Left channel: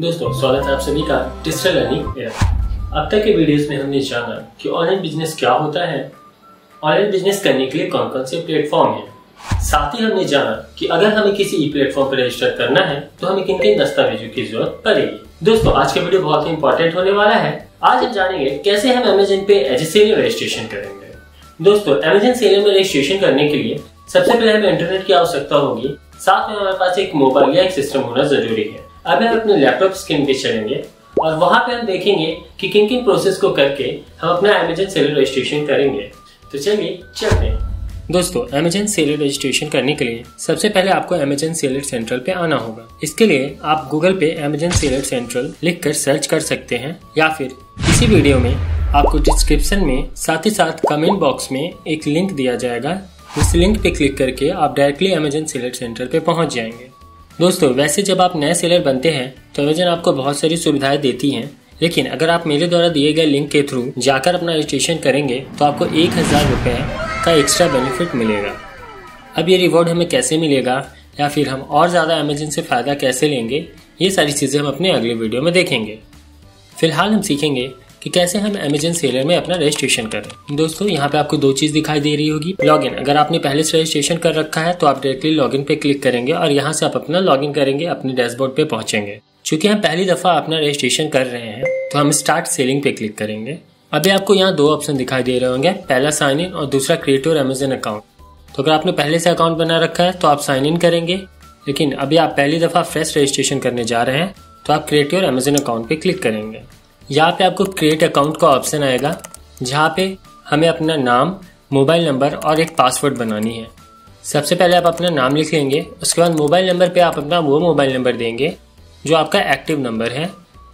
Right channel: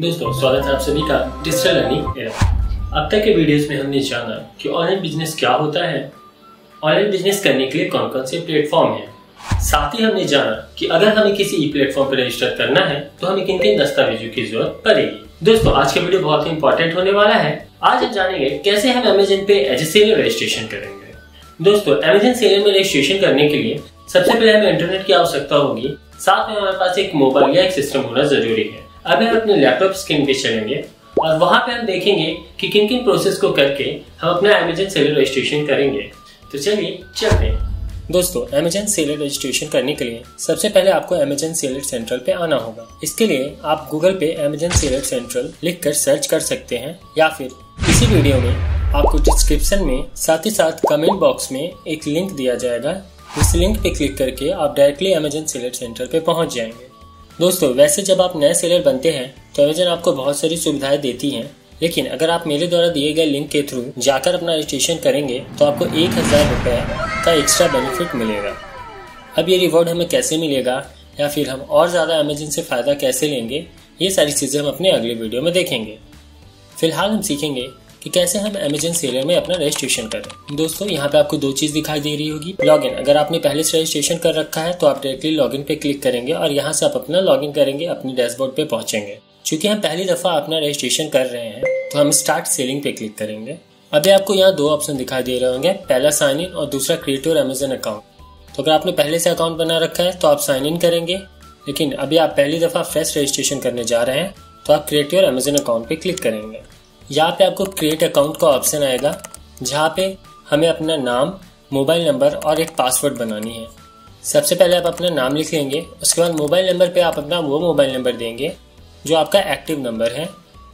दोस्तों स्वागत है आप सभी का डिजिटल लर्निंग एरा। अब तक के वीडियोस में हमने जाना कि ऑनलाइन बिजनेस क्या होता है, ऑनलाइन बिजनेस करने के लिए कौन कौन से प्लेटफॉर्म हैं। साथ ही हमने जाना कि अगर हमें किसी ई प्लेटफॉर्म पर रजिस्टर करना है तो हमें किन किन दस्तावेजों की जरूरत पड़ेगी। दोस्तों आज का वीडियो बहुत ही इंपॉर्टेंट होने वाला है। आज हम जानेंगे कैसे हम अमेज़न पे एज ए सेलर रजिस्ट्रेशन करेंगे। दोस्तों अमेज़न सेलर में रजिस्ट्रेशन करने के लिए सबसे पहले हमें इंटरनेट की आवश्यकता होगी, साथ में हमारे पास एक मोबाइल या एक सिस्टम होना जरूरी है। अब हम अपने लैपटॉप स्क्रीन पे चलेंगे और वहां पे हम देखेंगे कि किन किन प्रोसेस को करके हम अपना अमेज़न सेलर रजिस्ट्रेशन करेंगे। तो चलिए चलते हैं। दोस्तों अमेज़न सेलर रजिस्ट्रेशन करने के लिए सबसे पहले आपको अमेज़न सेलर सेंट्रल पे आना होगा। इसके लिए आप गूगल पे अमेज़न सेलर सेंट्रल लिखकर सर्च कर सकते हैं या फिर इसी वीडियो में आपको डिस्क्रिप्शन में साथ ही साथ कमेंट बॉक्स में एक लिंक दिया जाएगा। इस लिंक पे क्लिक करके आप डायरेक्टली अमेज़न सेलर सेंटर पे पहुंच जाएंगे। दोस्तों वैसे जब आप नए सेलर बनते हैं तो अमेज़न आपको बहुत सारी सुविधाएं देती हैं, लेकिन अगर आप मेरे द्वारा दिए गए लिंक के थ्रू जाकर अपना रजिस्ट्रेशन करेंगे तो आपको 1000 रुपये का एक्स्ट्रा बेनिफिट मिलेगा। अब ये रिवॉर्ड हमें कैसे मिलेगा या फिर हम और ज़्यादा अमेज़न से फ़ायदा कैसे लेंगे, ये सारी चीज़ें हम अपने अगले वीडियो में देखेंगे। फिलहाल हम सीखेंगे कि कैसे हम अमेज़न सेलर में अपना रजिस्ट्रेशन करें। दोस्तों यहाँ पे आपको दो चीज दिखाई दे रही होगी। लॉगिन, अगर आपने पहले से रजिस्ट्रेशन कर रखा है तो आप डायरेक्टली लॉगिन पे क्लिक करेंगे और यहाँ से आप अपना लॉगिन करेंगे, अपने डैशबोर्ड पे पहुंचेंगे। चूंकि हम पहली दफा अपना रजिस्ट्रेशन कर रहे हैं तो हम स्टार्ट सेलिंग पे क्लिक करेंगे। अभी आपको यहाँ दो ऑप्शन दिखाई दे रहे होंगे, पहला साइन इन और दूसरा क्रिएट योर अमेज़न अकाउंट। तो अगर आपने पहले से अकाउंट बना रखा है तो आप साइन इन करेंगे, लेकिन अभी आप पहली दफा फ्रेश रजिस्ट्रेशन करने जा रहे हैं तो आप क्रिएट योर अमेज़न अकाउंट पे क्लिक करेंगे। यहाँ पे आपको क्रिएट अकाउंट का ऑप्शन आएगा, जहाँ पे हमें अपना नाम, मोबाइल नंबर और एक पासवर्ड बनानी है। सबसे पहले आप अपना नाम लिख लेंगे, उसके बाद मोबाइल नंबर पे आप अपना वो मोबाइल नंबर देंगे जो आपका एक्टिव नंबर है,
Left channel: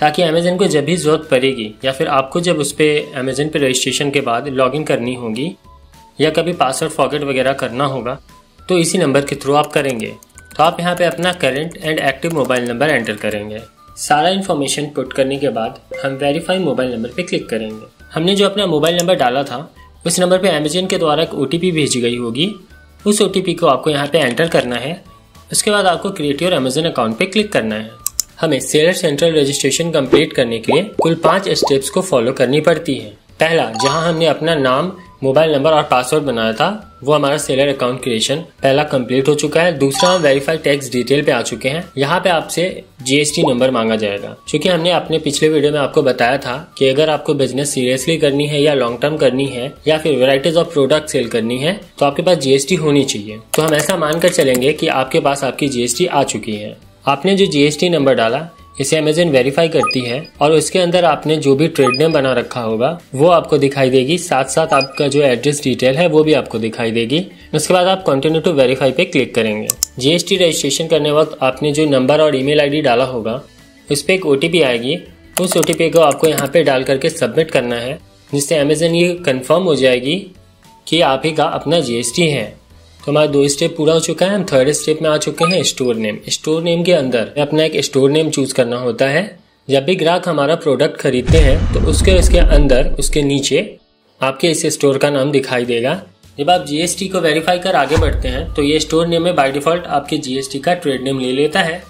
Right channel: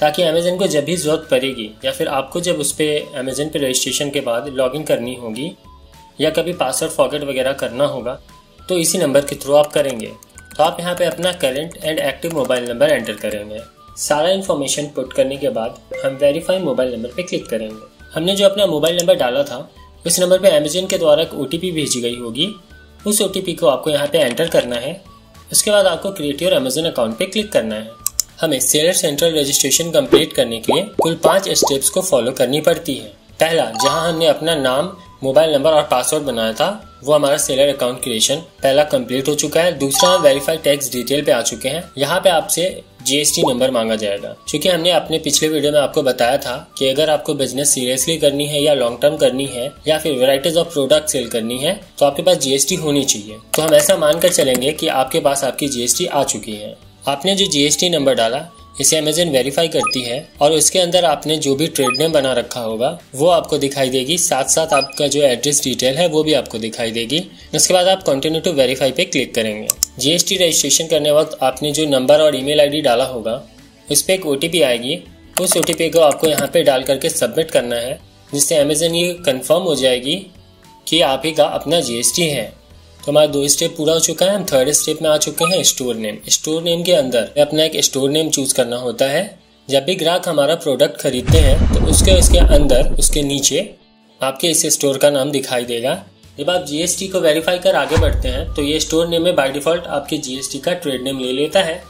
ताकि अमेज़न को जब भी जरूरत पड़ेगी या फिर आपको जब उस पर अमेज़न पे रजिस्ट्रेशन के बाद लॉगिन करनी होगी या कभी पासवर्ड फॉरगेट वगैरह करना होगा तो इसी नंबर के थ्रू आप करेंगे। तो आप यहाँ पे अपना current and active mobile number enter करेंगे। सारा इन्फॉर्मेशन पुट करने के बाद हम वेरीफाई मोबाइल नंबर पे क्लिक करेंगे। हमने जो अपना मोबाइल नंबर डाला था उस नंबर पे अमेज़न के द्वारा एक OTP भेजी गई होगी, उस OTP को आपको यहाँ पे एंटर करना है। उसके बाद आपको क्रिएट योर अमेज़न अकाउंट पे क्लिक करना है। हमें सेलर सेंट्रल रजिस्ट्रेशन कंप्लीट करने के लिए कुल 5 स्टेप्स को फॉलो करनी पड़ती है। पहला, जहाँ हमने अपना नाम, मोबाइल नंबर और पासवर्ड बनाया था वो हमारा सेलर अकाउंट क्रिएशन पहला कंप्लीट हो चुका है। दूसरा, हम वेरीफाई टैक्स डिटेल पे आ चुके हैं। यहाँ पे आपसे GST नंबर मांगा जाएगा, क्योंकि हमने अपने पिछले वीडियो में आपको बताया था कि अगर आपको बिजनेस सीरियसली करनी है या लॉन्ग टर्म करनी है या फिर वेराइटीज ऑफ प्रोडक्ट सेल करनी है तो आपके पास GST होनी चाहिए। तो हम ऐसा मानकर चलेंगे कि आपके पास आपकी GST आ चुकी है। आपने जो GST नंबर डाला इसे अमेज़न वेरीफाई करती है और उसके अंदर आपने जो भी ट्रेड नेम बना रखा होगा वो आपको दिखाई देगी, साथ साथ आपका जो एड्रेस डिटेल है वो भी आपको दिखाई देगी। उसके बाद आप कंटिन्यू टू वेरीफाई पे क्लिक करेंगे। GST रजिस्ट्रेशन करने वक्त आपने जो नंबर और ईमेल ID डाला होगा उस पर एक OTP आएगी, उस OTP को आपको यहाँ पे डाल करके सबमिट करना है, जिससे अमेज़न ये कंफर्म हो जाएगी कि आप ही का अपना GST है। तो हमारा 2 स्टेप पूरा हो चुका है। हम 3rd स्टेप में आ चुके हैं, स्टोर नेम। स्टोर नेम के अंदर अपना एक स्टोर नेम चूज करना होता है। जब भी ग्राहक हमारा प्रोडक्ट खरीदते हैं तो उसके अंदर उसके नीचे आपके इस स्टोर का नाम दिखाई देगा। जब आप GST को वेरीफाई कर आगे बढ़ते हैं तो ये स्टोर नेम में बाय डिफॉल्ट आपके GST का ट्रेड नेम ले लेता है।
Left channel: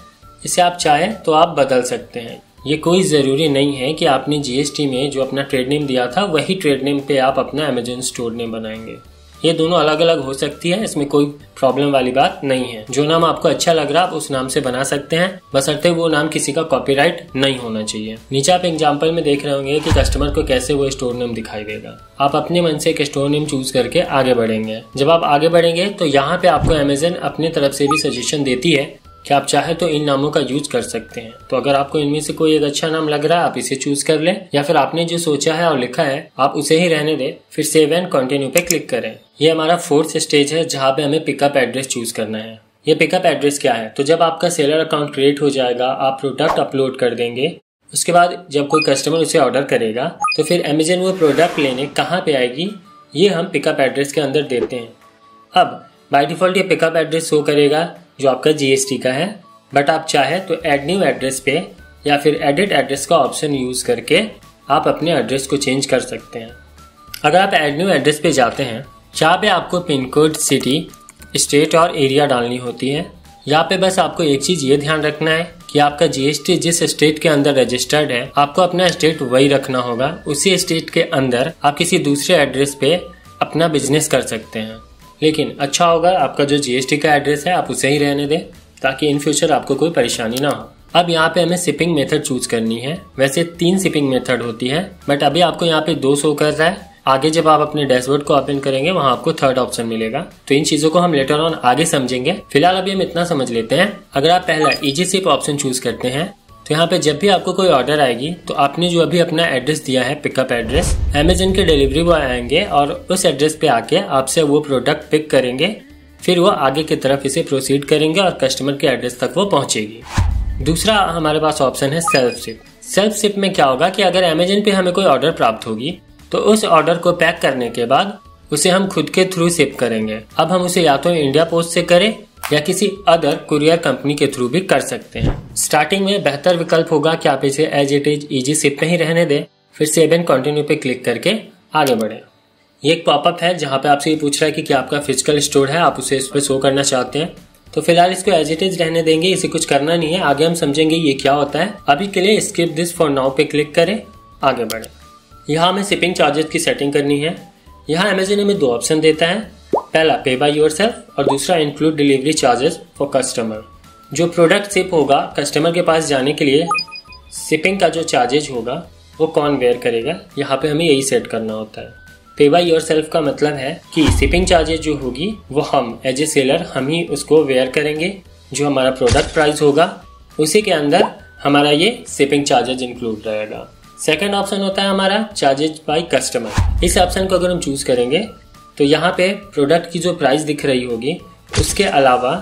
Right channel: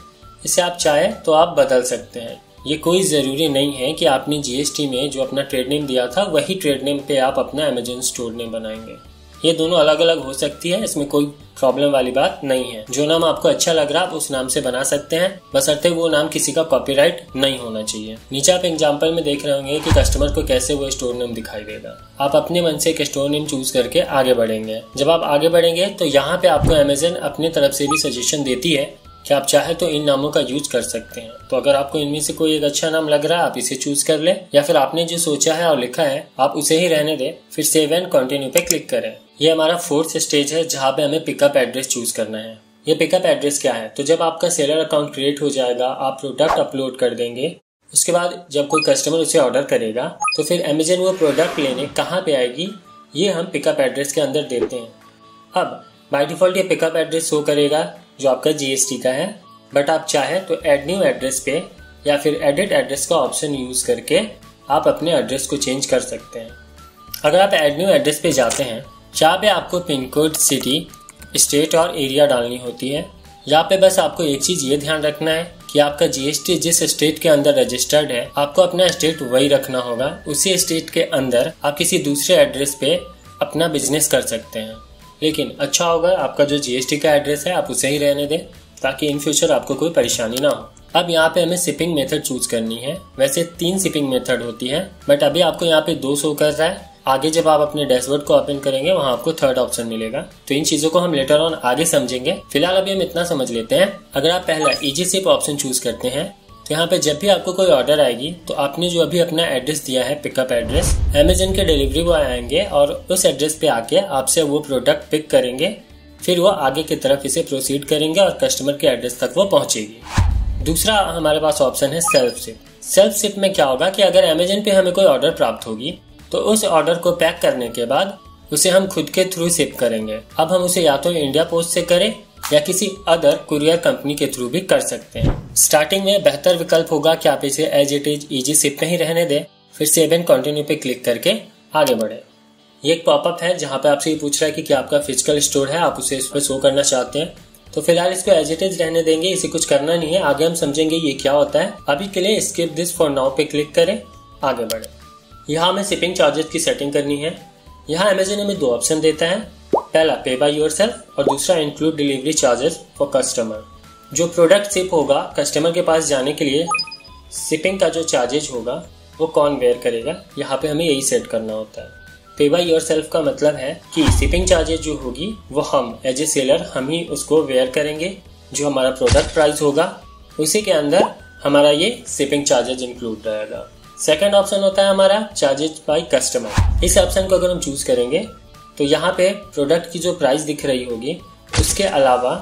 इसे आप चाहें तो आप बदल सकते हैं। ये कोई जरूरी नहीं है कि आपने GST में जो अपना ट्रेड नेम दिया था वही ट्रेड नेम पे आप अपना अमेज़न स्टोर नेम बनाएंगे। ये दोनों अलग अलग हो सकती है, इसमें कोई प्रॉब्लम वाली बात नहीं है। जो नाम आपको अच्छा लग रहा है आप उस नाम से बना सकते हैं, बशर्ते वो नाम किसी का कॉपीराइट नहीं होना चाहिए। नीचे आप एग्जांपल में देख रहे होंगे कि कस्टमर को कैसे वो स्टोर नेम दिखाई देगा। आप अपने मन से एक स्टोर नेम चूज करके आगे बढ़ेंगे। जब आप आगे बढ़ेंगे तो यहाँ पे आपको अमेज़न अपने तरफ से भी सजेशन देती है कि आप चाहे तो इन नामों का यूज कर सकते हैं। तो अगर आपको इनमें से कोई एक अच्छा नाम लग रहा है आप इसे चूज कर लें, या फिर आपने जो सोचा है और लिखा है आप उसे ही रहने दें। फिर सेव एंड कंटिन्यू पे क्लिक करें। ये हमारा 4th स्टेज है, जहाँ पे हमें पिकअप एड्रेस चूज करना है। ये पिकअप एड्रेस क्या है, तो जब आपका सेलर अकाउंट क्रिएट हो जाएगा आप प्रोडक्ट अपलोड कर देंगे। उसके बाद जब कोई कस्टमर उसे ऑर्डर करेगा तो फिर अमेज़न वो प्रोडक्ट लेने कहाँ पे आएगी ये हम पिकअप एड्रेस के अंदर देते हैं। अब बाय डिफॉल्ट ये पिकअप एड्रेस शो करेगा जो आपका GST का है, बट आप चाहे तो एड न्यू एड्रेस पे या फिर एडिट एड्रेस का ऑप्शन यूज करके आप अपने एड्रेस को चेंज कर सकते हैं। अगर आप एड न्यू एड्रेस पे जाते हैं जहाँ पे आपको पिन कोड, सिटी, स्टेट और एरिया डालनी होती है, यहाँ पे बस आपको एक चीज ये ध्यान रखना है कि आपका जीएसटी जिस स्टेट के अंदर रजिस्टर्ड है आपको अपना स्टेट वही रखना होगा। उसी स्टेट के अंदर आप किसी दूसरे एड्रेस पे अपना बिजनेस कर सकते हैं, लेकिन अच्छा होगा आपका जो जीएसटी का एड्रेस है आप उसे ही रहने दें ताकि इन फ्यूचर आपको कोई परेशानी ना हो। अब यहाँ पे हमें शिपिंग मेथड चूज करनी है। वैसे 3 शिपिंग मेथड होती है बट अभी आपको यहाँ पे 2 शो कर रहा है। आगे जब आप अपने डैशबोर्ड को ओपन करेंगे वहाँ आपको 3rd ऑप्शन मिलेगा। तो इन चीजों को हम लेटर ऑन आगे समझेंगे। फिलहाल अभी हम इतना समझ लेते हैं। अगर आप पहला इजी शिप ऑप्शन चूज करते हैं तो यहाँ पे जब भी आपको कोई ऑर्डर आएगी तो आपने जो अभी अपना एड्रेस दिया है पिकअप एड्रेस, अमेज़न के डिलीवरी बॉय आएंगे और उस एड्रेस पे आके आपसे वो प्रोडक्ट पिक करेंगे। फिर वो आगे की तरफ इसे प्रोसीड करेंगे और कस्टमर के एड्रेस तक वो पहुंचेगी। दूसरा हमारे पास ऑप्शन है सेल्फ शिप। सेल्फ शिप में क्या होगा कि अगर अमेज़न पे हमें कोई ऑर्डर प्राप्त होगी तो उस ऑर्डर को पैक करने के बाद उसे हम खुद के थ्रू शिप करेंगे। अब हम उसे या तो इंडिया पोस्ट से करें या किसी अदर कुरियर कंपनी के थ्रू भी कर सकते हैं। स्टार्टिंग में बेहतर विकल्प होगा कि आप इसे as it is easy ship में ही रहने दें, फिर सेव एंड कंटिन्यू पे क्लिक करके आगे बढ़े। ये एक पॉपअप है जहाँ पे आपसे ये पूछ रहा है कि क्या आपका फिजिकल स्टोर है, आप उसे इस पे शो करना चाहते हैं। तो फिलहाल इसको एज इट इज रहने देंगे, इसे कुछ करना नहीं है। आगे हम समझेंगे ये क्या होता है। अभी के लिए स्किप दिस फॉर नाउ पे क्लिक करें, आगे बढ़े। यहाँ हमें शिपिंग चार्जेस की सेटिंग करनी है। यहाँ अमेज़न हमें 2 ऑप्शन देता है, पहला पे बाय योरसेल्फ और दूसरा include delivery charges for customer. जो प्रोडक्ट शिप होगा कस्टमर के पास जाने के लिए शिपिंग का जो चार्जेज होगा वो कौन बेयर करेगा, यहाँ पे हमें यही सेट करना होता है। पे बाय योरसेल्फ का मतलब है कि शिपिंग चार्जेज जो होगी वो हम एज ए सेलर हम ही उसको वेयर करेंगे। जो हमारा प्रोडक्ट प्राइस होगा उसी के अंदर हमारा ये शिपिंग चार्जेज इंक्लूड रहेगा। सेकंड ऑप्शन होता है हमारा चार्जेज बाय कस्टमर। इस ऑप्शन को अगर हम चूज करेंगे तो यहाँ पे प्रोडक्ट की जो प्राइस दिख रही होगी उसके अलावा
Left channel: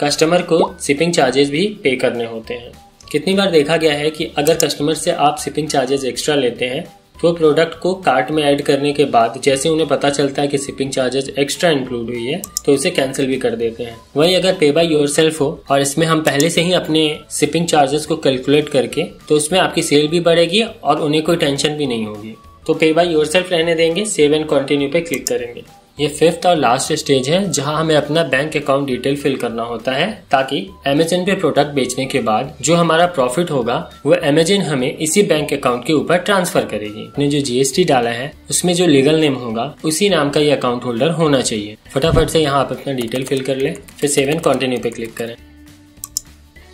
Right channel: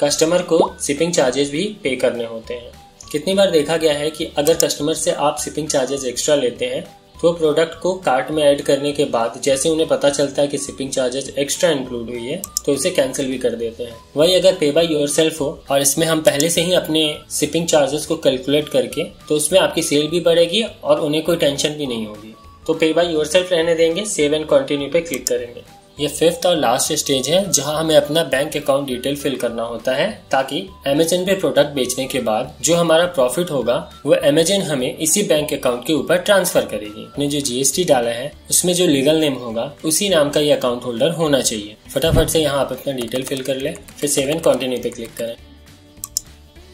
कस्टमर को शिपिंग चार्जेस भी पे करने होते हैं। कितनी बार देखा गया है कि अगर कस्टमर से आप शिपिंग चार्जेस एक्स्ट्रा लेते हैं तो प्रोडक्ट को कार्ट में ऐड करने के बाद जैसे उन्हें पता चलता है कि शिपिंग चार्जेस एक्स्ट्रा इंक्लूड हुई है तो उसे कैंसिल भी कर देते हैं। वही अगर पे बाय योरसेल्फ हो और इसमें हम पहले से ही अपने शिपिंग चार्जेस को कैलकुलेट करके तो उसमें आपकी सेल भी बढ़ेगी और उन्हें कोई टेंशन भी नहीं होगी। तो पे बाय योरसेल्फ रहने देंगे, सेव एंड कंटिन्यू पे क्लिक करेंगे। ये 5th और लास्ट स्टेज है जहां हमें अपना बैंक अकाउंट डिटेल फिल करना होता है ताकि अमेज़न पे प्रोडक्ट बेचने के बाद जो हमारा प्रॉफिट होगा वो अमेज़न हमें इसी बैंक अकाउंट के ऊपर ट्रांसफर करेगी। अपने जो जीएसटी डाला है उसमें जो लीगल नेम होगा उसी नाम का ये अकाउंट होल्डर होना चाहिए। फटाफट से यहाँ आप अपना डिटेल फिल कर ले, फिर सेव एंड कंटिन्यू पे क्लिक करें।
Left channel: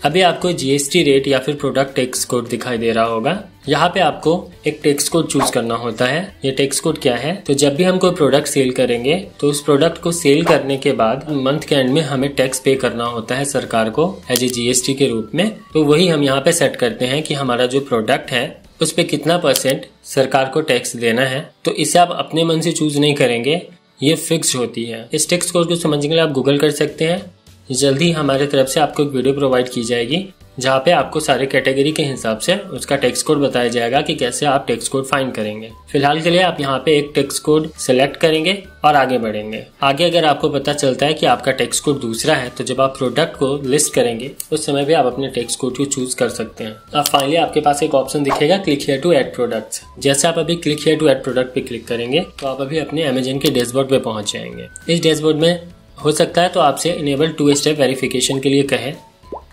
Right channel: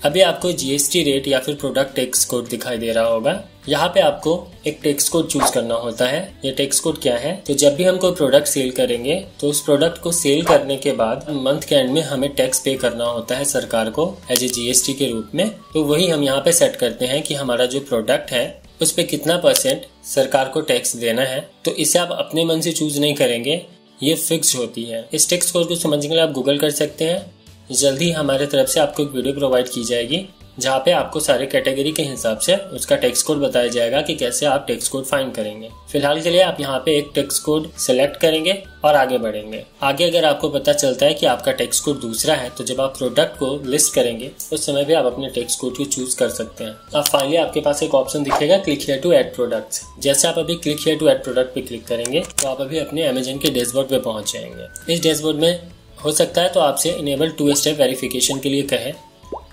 अभी आपको जीएसटी रेट या फिर प्रोडक्ट टैक्स कोड दिखाई दे रहा होगा। यहाँ पे आपको एक टैक्स कोड चूज करना होता है। ये टैक्स कोड क्या है, तो जब भी हम कोई प्रोडक्ट सेल करेंगे तो उस प्रोडक्ट को सेल करने के बाद मंथ के एंड में हमें टैक्स पे करना होता है सरकार को एज ए जीएसटी के रूप में। तो वही हम यहाँ पे सेट करते हैं कि हमारा जो प्रोडक्ट है उस पे कितना % सरकार को टैक्स देना है। तो इसे आप अपने मन से चूज नहीं करेंगे, ये फिक्स होती है। इस टैक्स कोड को समझने के लिए आप गूगल कर सकते हैं। जल्दी हमारे तरफ से आपको एक वीडियो प्रोवाइड की जाएगी जहाँ पे आपको सारे कैटेगरी के हिसाब से उसका टैक्स कोड बताया जाएगा कि कैसे आप टैक्स कोड फाइंड करेंगे। फिलहाल के लिए आप यहाँ पे एक टैक्स कोड सिलेक्ट करेंगे और आगे बढ़ेंगे। आगे अगर आपको पता चलता है कि आपका टैक्स कोड दूसरा है तो जब आप प्रोडक्ट को लिस्ट करेंगे उस समय भी आप अपने टैक्स कोड को चूज कर सकते हैं। अब फाइनली आपके पास एक ऑप्शन दिखेगा click here to add products. जैसे आप अभी click here to add product पे क्लिक करेंगे तो आप अभी अपने अमेज़न के डैशबोर्ड पे पहुंच जाएंगे। इस डैशबोर्ड में हो सकता है तो आपसे इनेबल 2 स्टेप वेरिफिकेशन के लिए कहे।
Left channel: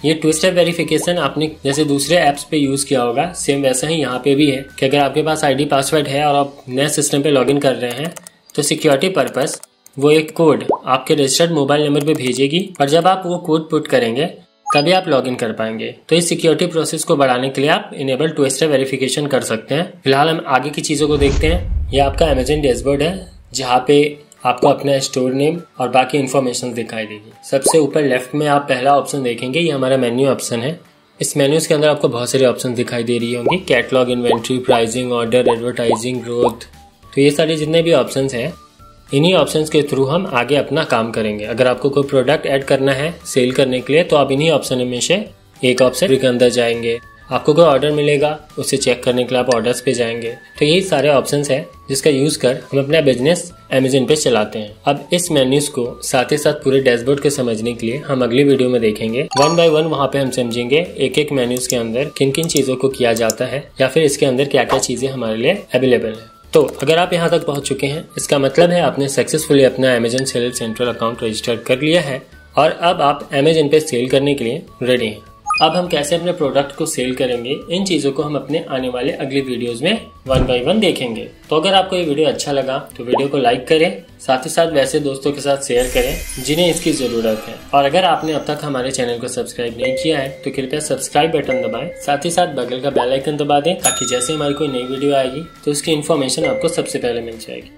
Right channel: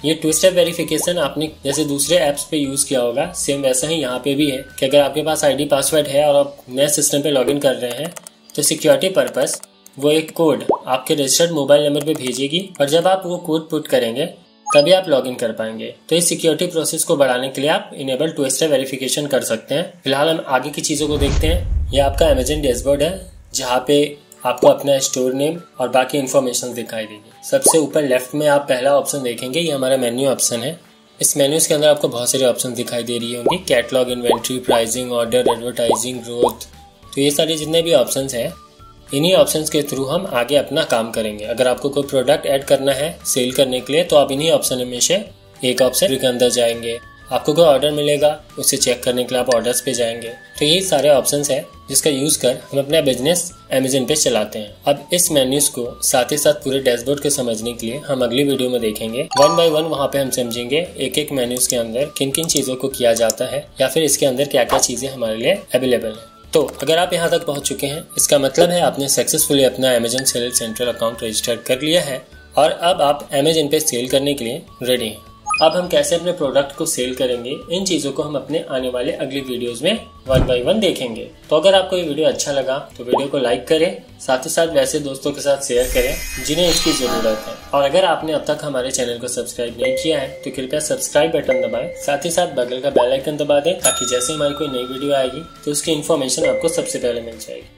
ये 2 स्टेप वेरिफिकेशन आपने जैसे दूसरे ऐप्स पे यूज किया होगा सेम वैसा ही यहाँ पे भी है कि अगर आपके पास आईडी पासवर्ड है और आप नए सिस्टम पे लॉगिन कर रहे हैं तो सिक्योरिटी पर्पस वो एक कोड आपके रजिस्टर्ड मोबाइल नंबर पे भेजेगी और जब आप वो कोड पुट करेंगे तभी आप लॉगिन कर पाएंगे। तो इस सिक्योरिटी प्रोसेस को बढ़ाने के लिए आप इनेबल 2 स्टेप वेरिफिकेशन कर सकते हैं। फिलहाल हम आगे की चीजों को देखते हैं। ये आपका अमेज़न डैशबोर्ड है जहाँ पे आपको अपना स्टोर नेम और बाकी इन्फॉर्मेशन दिखाई देगी। सबसे ऊपर लेफ्ट में आप पहला ऑप्शन देखेंगे, ये हमारा मेन्यू ऑप्शन है। इस मेन्यूज के अंदर आपको बहुत सारे ऑप्शन दिखाई दे रही होंगी, catalogue, inventory, pricing, order, advertising, growth. तो ये सारे जितने भी ऑप्शंस हैं इन्हीं ऑप्शंस के थ्रू हम आगे अपना काम करेंगे। अगर आपको कोई प्रोडक्ट ऐड करना है सेल करने के लिए तो आप इन्हीं ऑप्शन में से एक ऑप्शन के अंदर जाएंगे। आपको कोई ऑर्डर मिलेगा उसे चेक करने के लिए आप ऑर्डर्स पे जाएंगे। तो यही सारे ऑप्शंस हैं जिसका यूज कर हम अपना बिजनेस अमेज़न पे चलाते हैं। अब इस मेन्यूज को साथ ही साथ पूरे डैशबोर्ड को समझने के लिए हम अगली वीडियो में देखेंगे। 1 बाय 1 वहाँ पे हम समझेंगे एक एक मेन्यूज के अंदर किन किन चीजों को किया जाता है या फिर इसके अंदर क्या क्या चीजें हमारे लिए अवेलेबल है। तो अगर आप यहाँ तक पहुँच चुके हैं इसका मतलब है आपने सक्सेसफुली अपना Amazon sell central account register कर लिया है और अब आप अमेज़न पे सेल करने के लिए रेडी हैं। अब हम कैसे अपने प्रोडक्ट को सेल करेंगे, इन चीजों को हम अपने आने वाले अगले वीडियोस में 1 बाय 1 देखेंगे। तो अगर आपको ये वीडियो अच्छा लगा तो वीडियो को लाइक करें, साथ ही साथ वैसे दोस्तों के साथ शेयर करें जिन्हें इसकी जरूरत है। और अगर आपने अब तक हमारे चैनल को सब्सक्राइब नहीं किया है तो कृपया सब्सक्राइब बटन दबाएं, साथ ही साथ बगल का बेल आइकन दबा दें ताकि जैसे हमारी कोई नई वीडियो आएगी तो उसकी इन्फॉर्मेशन आपको सबसे पहले मिल जाएगी।